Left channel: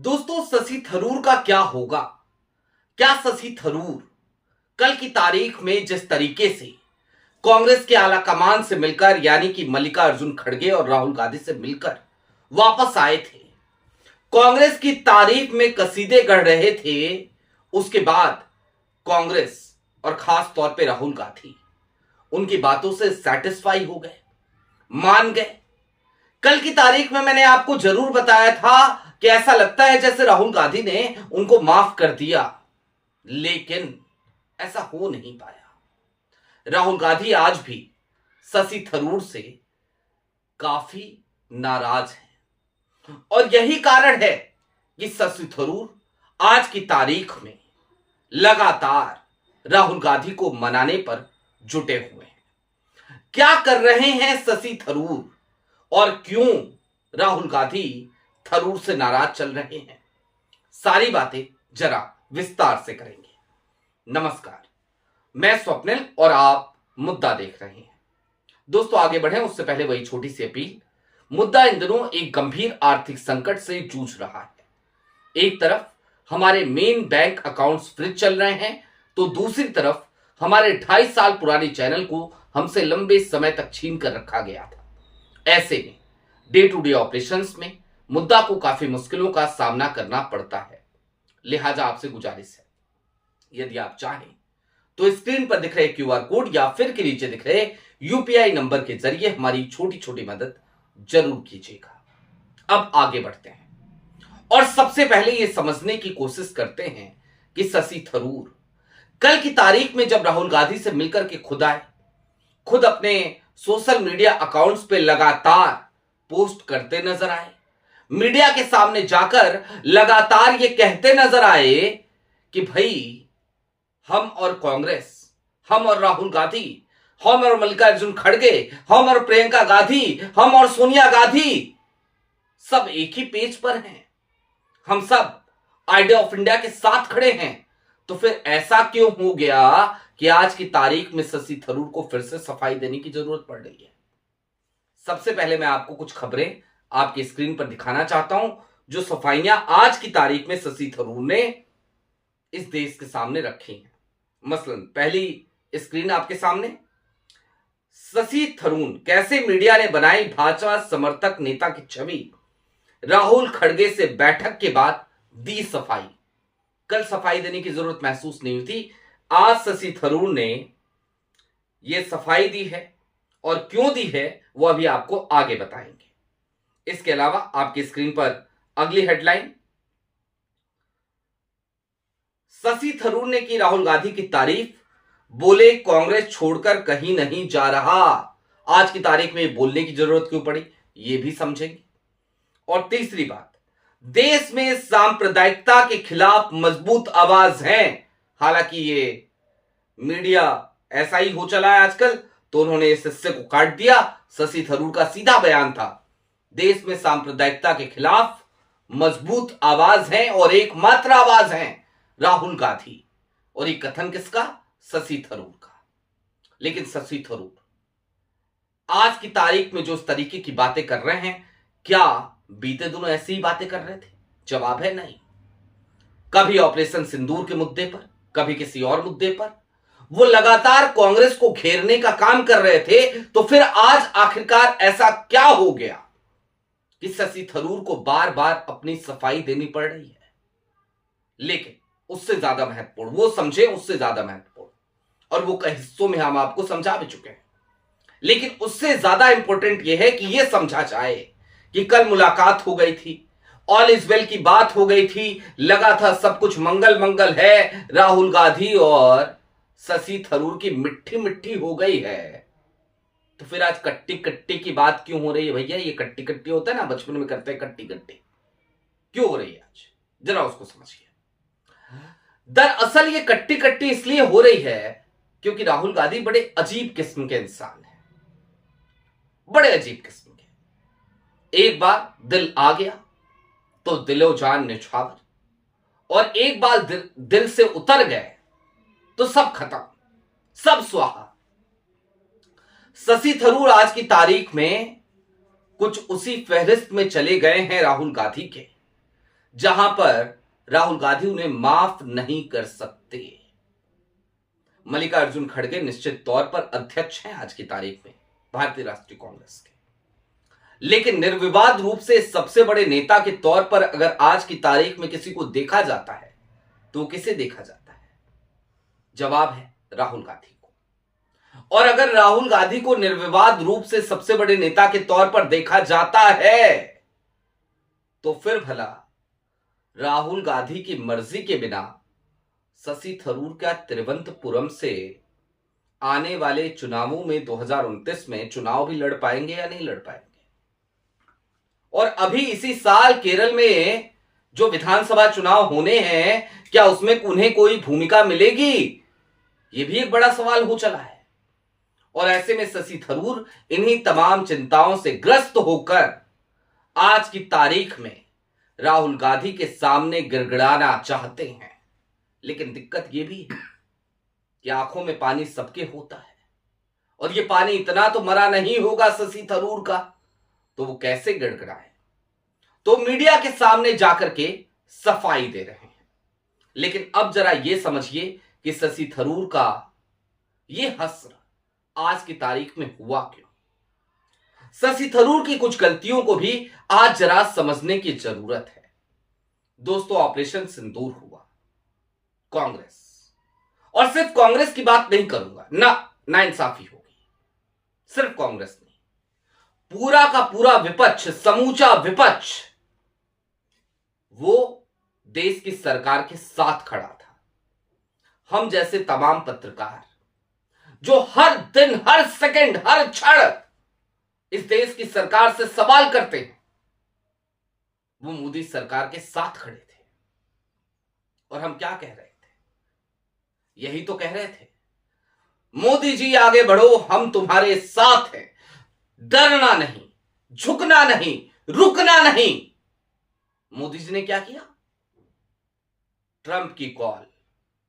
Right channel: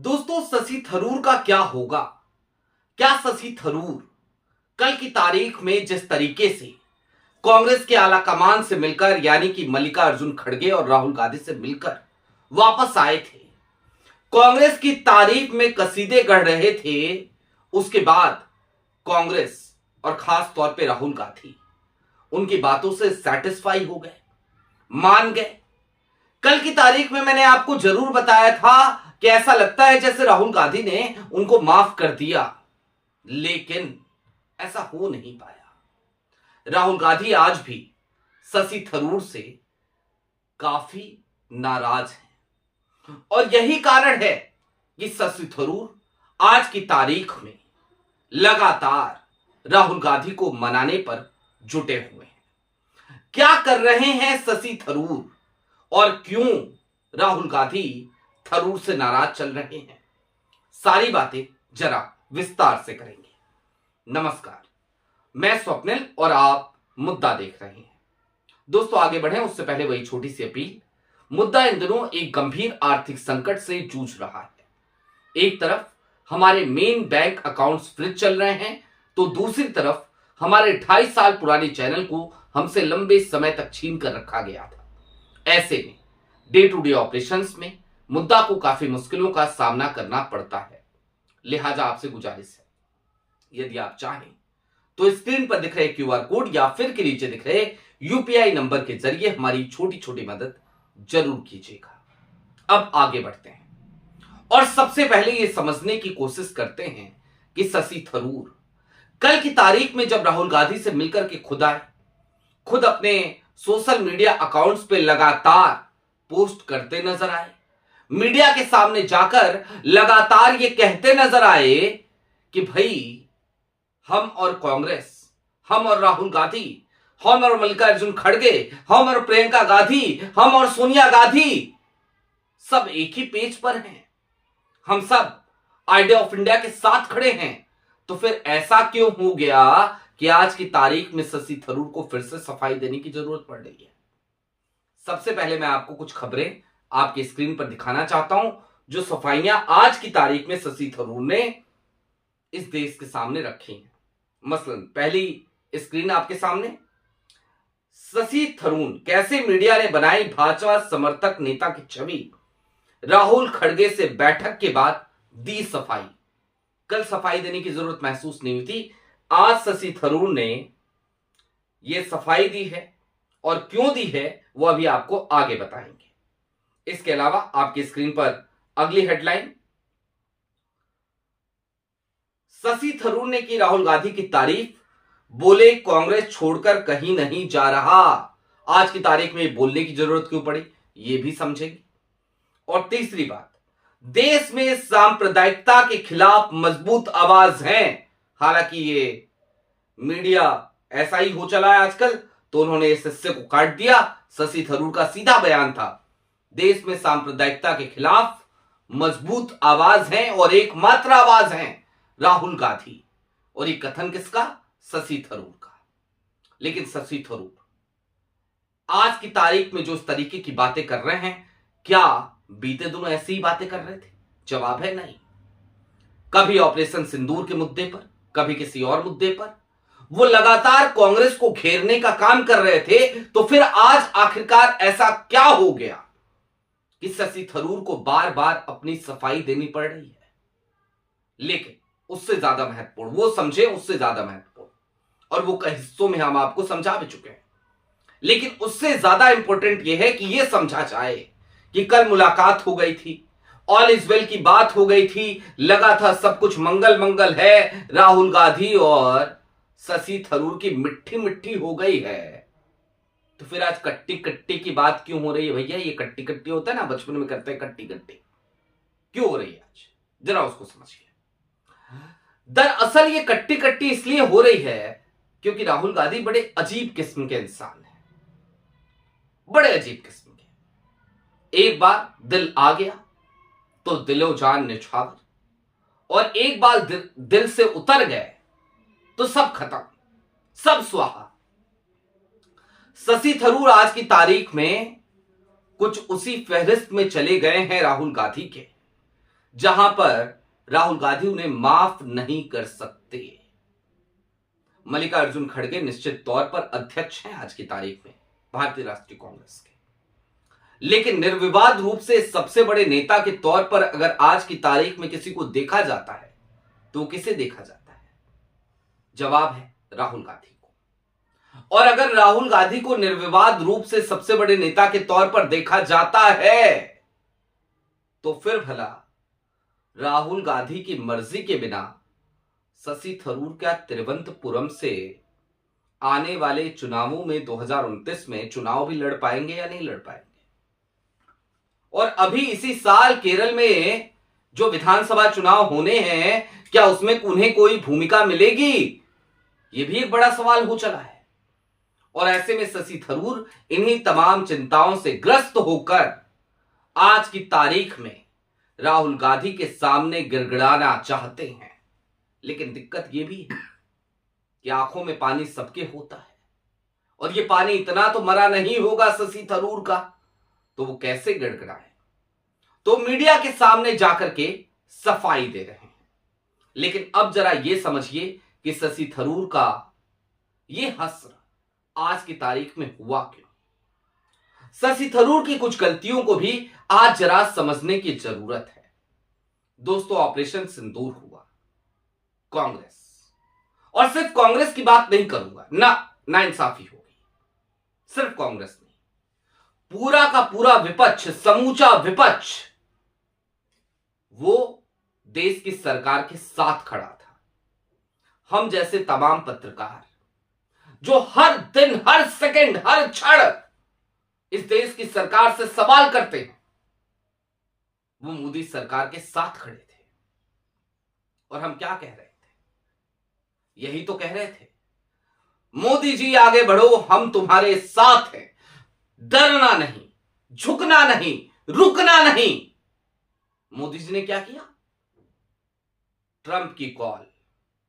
दोस्तों, शशि थरूर का क्या होगा? क्या शशि थरूर कल की तारीख में जिस तरीके से कांग्रेस के आला कमान से मिलकर यानी कि मल्लिकार्जुन खड़गे और राहुल गांधी से मिलकर वापस आए थे, कांग्रेस की तारीफ में कसीदे गढ़ रहे थे, उसके बाद कांग्रेस और खास तौर पे राहुल गांधी उनकी बातों से सेटिस्फाई हो गए, मान गए। कल की तारीख में मैंने आपको जरूर बताया था कि ऐसा लगता है जैसे राहुल गांधी ने उनको माफ कर दिया, लेकिन ऐसा हो नहीं पाया। राहुल गांधी आज भी शशि थरूर से काफी नाराज हैं और यही कारण है कि शशि थरूर आज की तारीख में लगातार राहुल गांधी को मनाने पर जुटे हुए हैं। क्या कर रहे हैं शशि थरूर और क्यों राहुल गांधी थरूर से नाराज चल रहे हैं, सारी बातें जरा विस्तार से करेंगे। नमस्कार, मैं स्वप्निल और आप मुद्दा देख रहे हैं। दोस्तों, आगे बढ़े उससे पहले वही छोटी सी अपील। मुद्दा इन दिनों एक गंभीर आर्थिक संकट से जूझ रहा है। एक तरफ हमारे मेन बैंक अकाउंट्स फ्रीज चल रहे हैं, तो दूसरी तरफ हमारे 2.5 साल पुराने चैनल को हमसे लंबे समय तक छीन कर रखा गया था। ऐसे में डे टू डे ऑपरेशंस में मुद्दा को काफी मुश्किलों का सामना करना पड़ता है। लिहाजा आपसे गुजारिश है, यदि आप चाहें तो स्क्रीन पर दिख रहे क्यूआर कोड या फिर के नीचे दिख रहे यूपीआई नंबर के जरिए हमारी छोटी छोटी मदद जरूर कीजिएगा। अब आगे बढ़ते हैं और सबसे पहले यह समझने की कोशिश करते हैं कि शशि थरूर कल की तारीख में जब राहुल गांधी से मिलकर के खुद आए, खुद अपने सोशल मीडिया अकाउंट्स पे लगातार पोस्ट करते नजर आए, मीडिया के सामने जाकर लगातार ये कहते नजर आए कि भाई हम और कांग्रेस, हम और राहुल गांधी, हम और मल्लिकार्जुन खड़गे, हम और प्रियंका गांधी, हम और सोनिया गांधी सब एक ही पेज पर हैं, हम सब आइडिया ऑफ इंडिया के साथ खड़े हैं। तो फिर ऐसा क्यों हो गया कि आज की तारीख में शशि थरूर को फिर से सफाई देने की जरूरत पड़ रही है? सबसे पहले मैं आपको कुछ खबरें आपकी स्क्रीन पर दिखाना चाहता हूं, जो सफाइयां आज की तारीख में शशि थरूर ने इस देश के सामने रखी हैं। मसलन पहली स्क्रीन आपके सामने, शशि थरूर कैसे मीडिया ने बनाई भाजपा समर्थक नेता की छवि, राहुल खड़गे से बैठक के बाद दी सफाई। कल सफाई देने की जरूरत महसूस नहीं हुई थी, आज शशि थरूर ने यह सफाई दी है और क्यों दी है वो अभी आपको आगे बताएंगे। इसके अलावा आपकी स्क्रीन पर अगली हेडलाइन, शशि थरूर ने की राहुल गांधी की तारीफ, बोले कांग्रेस छोड़कर कहीं नहीं जा रहा। आज की तारीख में बोलने की जरूरत क्यों पड़ी, यह भी समझेंगे। और तीसरी बात, देश में सांप्रदायिकता के खिलाफ मजबूत आवाज है। हालांकि ये मीडिया ऐसा ही हो चला है आजकल, तो उन्होंने इस हिस्से को काट दिया। शशि थरूर का सीधा बयान था, देश में सांप्रदायिकता के खिलाफ मजबूत आवाज है और एकमात्र आवाज है राहुल गांधी। और ये कथन किसका? शशि थरूर का। लेकिन शशि थरूर आज की तारीख में जो इस तरीके की बातें कर रहे हैं, क्या बीते दिनों ऐसी ही बातें कर रहे थे? जवाब है नहीं। कभी ऑपरेशन सिंदूर के मुद्दे पर, कभी किसी और मुद्दे पर वो लगातार कांग्रेस को घेरने का काम कर रहे थे। तो फिर आज आखिरकार ऐसा क्या हो गया कि शशि थरूर को बार बार अपनी सफाई देनी पड़ रही है? लेकिन उससे ज्यादा महत्वपूर्ण, वो समझे उससे ज्यादा महत्वपूर्ण, और वो कई हिस्सों में हम आपको समझा भी चुके हैं, लेकिन उससे ज्यादा इंपॉर्टेंट यह है कि यह समझा जाए कि कल मुलाकात हो गई थी, ऑल इज वेल की बात हो गई थी, लगा था सब कुछ मंगल मंगल है, राहुल गांधी और शशि थरूर की मिट्टी मिट्टी हो गई है। तो फिर आज कट्टी कट्टी की बात क्यों हो रही है भैया? ये कट्टी कट्टी होता है ना, बचपन में करते हैं कट्टी कट्टी, क्यों हो रही है आज? जरा उसको समझिए। दरअसल ये कट्टी कट्टी इसलिए हो रही है क्योंकि राहुल गांधी बड़े अजीब किस्म के इंसान हैं, बड़े अजीब किस्म के। एक बार दिल आ गया तो दिलो जान निछावर, और एक बार दिल से उतर गए तो सब खत्म, सब स्वाहा। शशि थरूर आज की तारीख में कुछ उसी फहरिस्त में चले गए हैं राहुल गांधी के, जहां पर राहुल गांधी उन्हें माफ नहीं कर सकते। मल्लिकार्जुन खड़गे निश्चित तौर पर अध्यक्ष हैं आज की तारीख में भारतीय राष्ट्रीय कांग्रेस के, लेकिन निर्विवाद रूप से सबसे बड़े नेता के तौर पर अगर आज की तारीख में किसी को देखा जाता है तो किसे देखा जाता है? जवाब है राहुल गांधी को। और अगर राहुल गांधी को निर्विवाद रूप से सबसे बड़े नेता के तौर पर देखा जाता है तो फिर भला राहुल गांधी की मर्जी के बिना शशि थरूर क्या तिरुवनंतपुरम से आने वाले चुनावों में 2029 में चुनाव भी लड़ पाएंगे या नहीं लड़ पाएंगे? और अभी इसी साल केरल में जो विधानसभा चुनाव होने हैं, क्या उसमें उन्हें कोई भूमिका मिलेगी? यह भी एक बड़ा सवाल हो चला है। और ऐसे में शशि थरूर इन्हीं तमाम चिंताओं से ग्रस्त होकर आज की तारीख में राहुल गांधी के सामने गिड़गिड़ाना चाहते हैं। लेकिन दिक्कत यह भी है कि आंखों में पानी सबके होता है, और यह पानी इतना तो मरा नहीं होगा शशि थरूर का, तो वो कैसे गिड़गिड़ाए? तो मीडिया के सामने जाकर के सफाई दे रहे हैं। लेकिन अब जरा यह समझिए कि शशि थरूर का यह हश्र आज की तारीख में हुआ क्यों? शशि थरूर की कुछ गलतियों को भी आज जरा समझने की जरूरत है। दोस्तों, ऑपरेशन सिंदूर हुआ, कांग्रेस, और सिर्फ कांग्रेस की बात नहीं करूंगा, ना इंसाफी होगी। सिर्फ कांग्रेस नहीं, पूरा का पूरा विपक्ष, समूचा विपक्ष वो देश की सरकार के साथ खड़ा था। हम जैसे तमाम पत्रकार जो हर दिन, हर सेकंड, हर क्षण इस देश की सरकार से सवाल करते हैं, वो मोदी सरकार के साथ खड़े थे। और हम क्या कह रहे थे? यही तो कह रहे थे, मोदी जी आगे बढ़ो, हम तुम्हारे साथ हैं, डरना नहीं, झुकना नहीं, रुकना नहीं। मोदी जी ने क्या किया? ट्रंप की कॉल,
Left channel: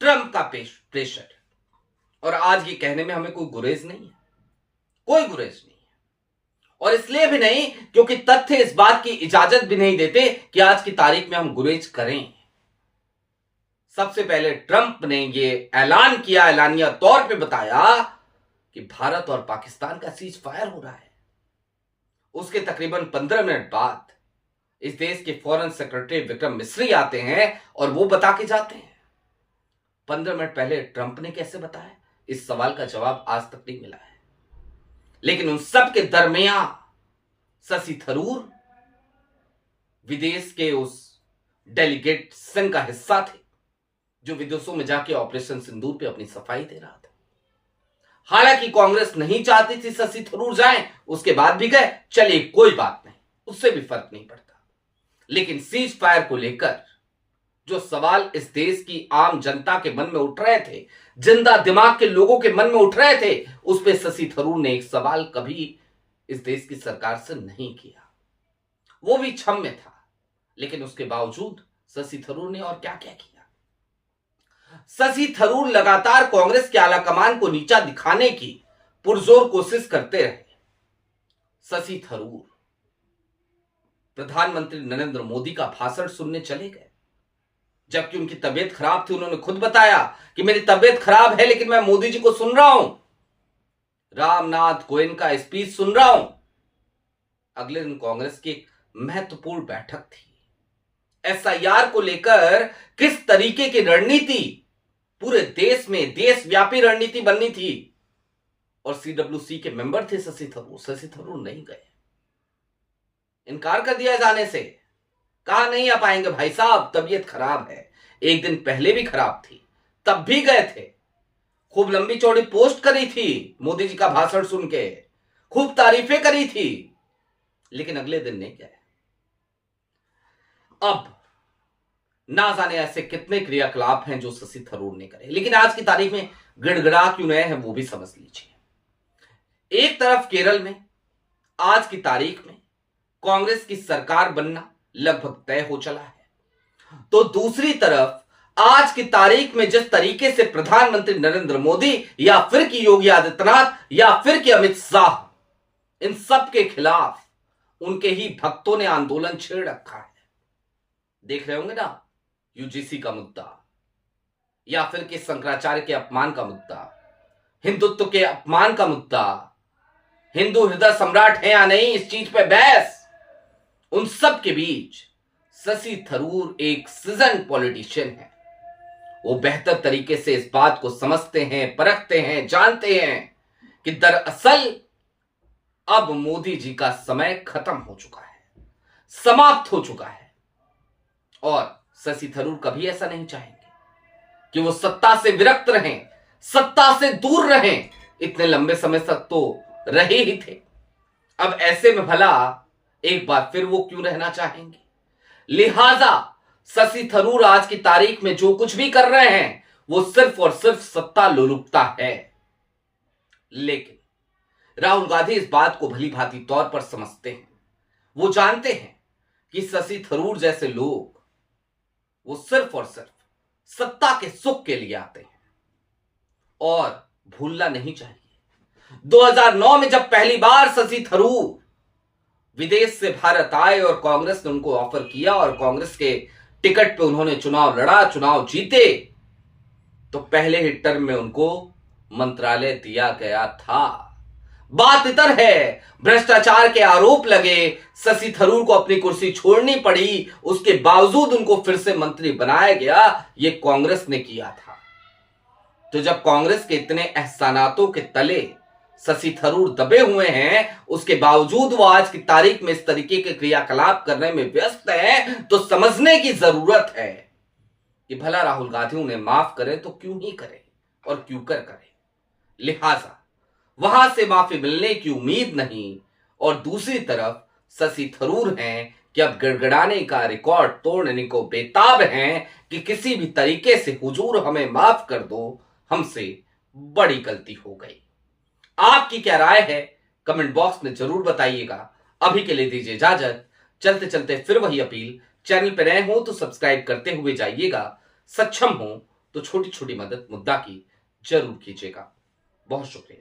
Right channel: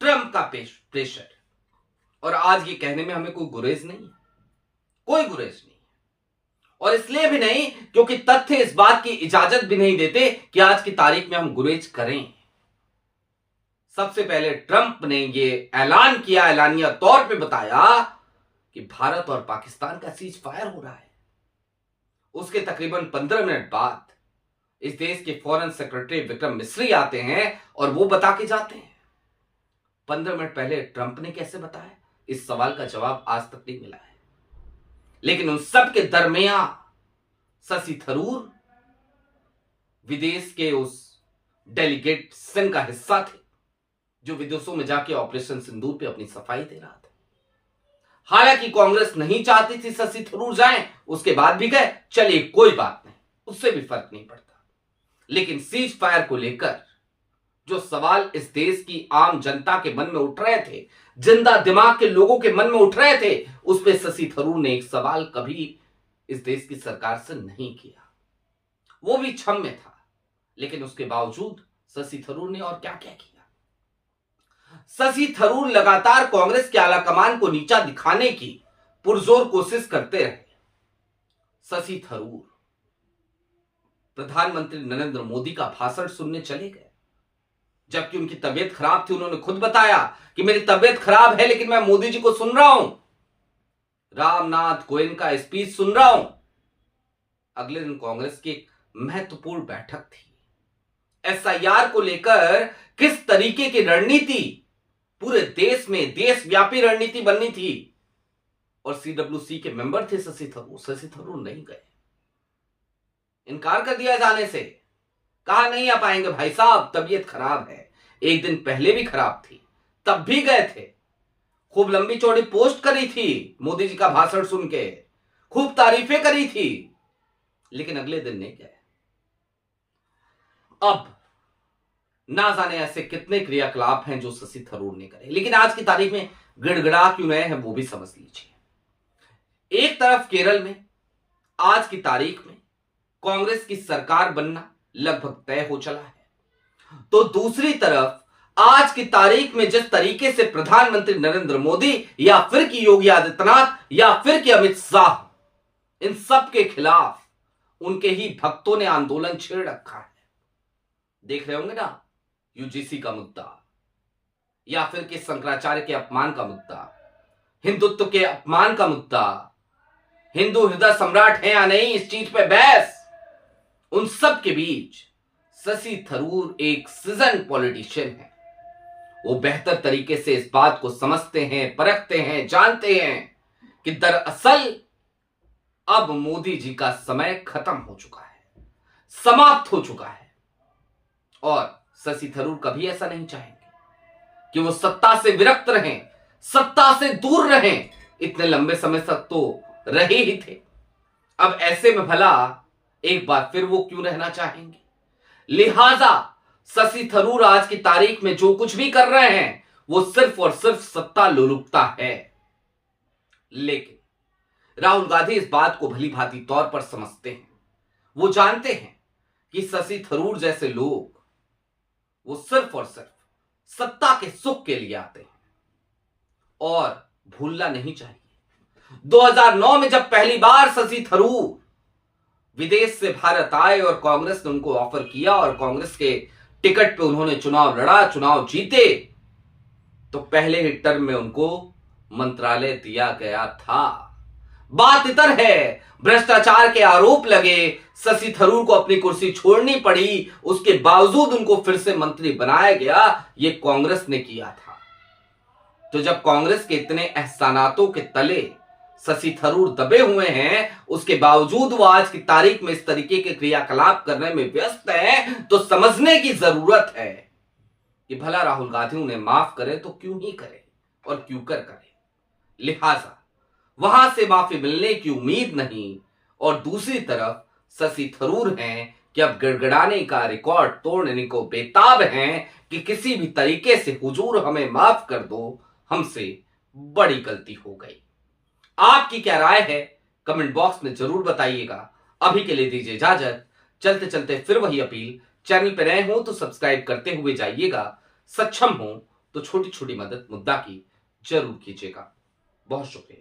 ट्रंप का प्रेशर। और आज ये कहने में हमें कोई गुरेज नहीं है, कोई गुरेज नहीं है। और इसलिए भी नहीं क्योंकि तथ्य इस बात की इजाजत भी नहीं देते कि आज की तारीख में हम गुरेज करें। सबसे पहले ट्रंप ने ये ऐलान किया, ऐलानिया तौर पे बताया कि भारत और पाकिस्तान का सीज फायर हो रहा है। उसके तकरीबन 15 मिनट बाद इस देश के फॉरेन सेक्रेटरी विक्रम मिस्री आते हैं और वो बता के जाते हैं। 15 मिनट पहले ट्रंप ने कैसे बताया? इस सवाल का जवाब आज तक नहीं मिला है। लेकिन उन सब के दरमियान शशि थरूर विदेश के उस डेलीगेशन का हिस्सा थे जो विदेशों में जाके ऑपरेशन सिंदूर पे अपनी सफाई दे रहा था। हालांकि कांग्रेस नहीं चाहती थी शशि थरूर जाएं, उसके बाद भी गए, चलिए कोई बात नहीं, उससे भी फर्क नहीं पड़ता। लेकिन सीज फायर को लेकर जो सवाल इस देश की आम जनता के मन में उठ रहे थे, जिंदा दिमाग के लोगों के मन में उठ रहे थे, उस पर शशि थरूर ने एक सवाल कभी इस देश की सरकार से नहीं किया। वो भी क्षम्य था, लेकिन उसके बावजूद शशि थरूर ने और क्या क्या किया? शशि थरूर लगातार कांग्रेस के आलाकमान को नीचा दिखाने की पुरजोर कोशिश करते रहे। शशि थरूर प्रधानमंत्री नरेंद्र मोदी का भाषण सुनने चले गए, जबकि उनकी तबीयत खराब थी। उन्होंने खुद बताया कि मेरी तबीयत खराब है, लेकिन मैं मोदी जी को सुन रहा हूं, रामनाथ कोविंद का स्पीच सुन रहा हूं। अगले दिन कांग्रेस की एक महत्वपूर्ण बैठक थी। एसआईआर को लेकर किस तरीके की रणनीति पूरे देश में, देशव्यापी रणनीति बननी थी, और सीडब्ल्यूसी के मेंबर थे शशि थरूर। शशि थरूर नहीं गए, इनकार कर दिया जाने से, कहा नहीं आ पाएंगे भाई साहब, तबीयत खराब है। एक दिन पहले भी खराब थी, तब भी गए थे, खूब लंबी चौड़ी पोस्ट करी थी मोदी जी का भाषण सुन के, खूब तारीफें करी थी, लेकिन अगले दिन नहीं गए। अब ना जाने ऐसे कितने क्रियाकलाप हैं जो शशि थरूर ने करे, लेकिन आज की तारीख में गिड़गिड़ा क्यों रहे हैं वो भी समझ लीजिए। एक तरफ केरल में आज की तारीख में कांग्रेस की सरकार बनना लगभग तय हो चला है, तो दूसरी तरफ आज की तारीख में जिस तरीके से प्रधानमंत्री नरेंद्र मोदी या फिर की योगी आदित्यनाथ या फिर की अमित शाह, इन सब के खिलाफ उनके ही भक्तों ने आंदोलन छेड़ रखा है। देख रहे होंगे ना, यूजीसी का मुद्दा, या फिर कि शंकराचार्य के अपमान का मुद्दा, हिंदुत्व के अपमान का मुद्दा, हिंदू हृदय सम्राट है या नहीं, इस चीज पे बहस। उन सब के बीच शशि थरूर एक सीजन पॉलिटिशियन है। वो बेहतर तरीके से इस बात को समझते हैं, परखते हैं, जानते हैं कि दरअसल अब मोदी जी का समय खत्म हो चुका है, समाप्त हो चुका है। और शशि थरूर कभी ऐसा नहीं चाहेंगे कि वो सत्ता से विरक्त रहें, सत्ता से दूर रहें। इतने लंबे समय तक तो रहे ही थे, अब ऐसे में भला एक बार फिर वो क्यों रहना चाहेंगे। लिहाजा शशि थरूर आज की तारीख में जो कुछ भी कर रहे हैं वो सिर्फ और सिर्फ सत्ता लोलुपता है। लेकिन राहुल गांधी इस बात को भली भांति तौर पर समझते हैं। वो जानते हैं कि शशि थरूर जैसे लोग वो सिर्फ और सिर्फ सत्ता के सुख के लिए आते हैं। और भूलना नहीं चाहिए, 2009 में जब पहली बार शशि थरूर विदेश से भारत आए और कांग्रेस ने उनको ऑफर किया और कांग्रेस के टिकट पे उन्होंने चुनाव लड़ा, चुनाव जीते, तो पहले ही टर्म में उनको मंत्रालय दिया गया था। बात इतर है, भ्रष्टाचार के आरोप लगे, शशि थरूर को अपनी कुर्सी छोड़नी पड़ी, उसके बावजूद उनको फिर से मंत्री बनाया गया। ये कांग्रेस ने किया था। तो जब कांग्रेस के इतने एहसानातों के तले शशि थरूर दबे हुए हैं, उसके बावजूद वो आज की तारीख में इस तरीके के क्रियाकलाप करने में व्यस्त है, तो समझने की जरूरत है कि भला राहुल गांधी उन्हें माफ करे तो क्यों ही करे और क्यों कर करे। लिहाजा वहां से माफी मिलने की उम्मीद नहीं। और दूसरी तरफ शशि थरूर हैं कि अब गड़गड़ाने का रिकॉर्ड तोड़ने को बेताब हैं कि किसी भी तरीके से हुजूर हमें माफ कर दो, हमसे बड़ी गलती हो गई। आपकी क्या राय है कमेंट बॉक्स में जरूर बताइएगा। अभी के लिए दीजिए इजाजत। चलते चलते फिर वही अपील, चैनल पर नए हो तो सब्सक्राइब करते हुए जाइएगा, सक्षम हो तो छोटी छोटी मदद मुद्दा की जरूर कीजिएगा। बहुत शुक्रिया।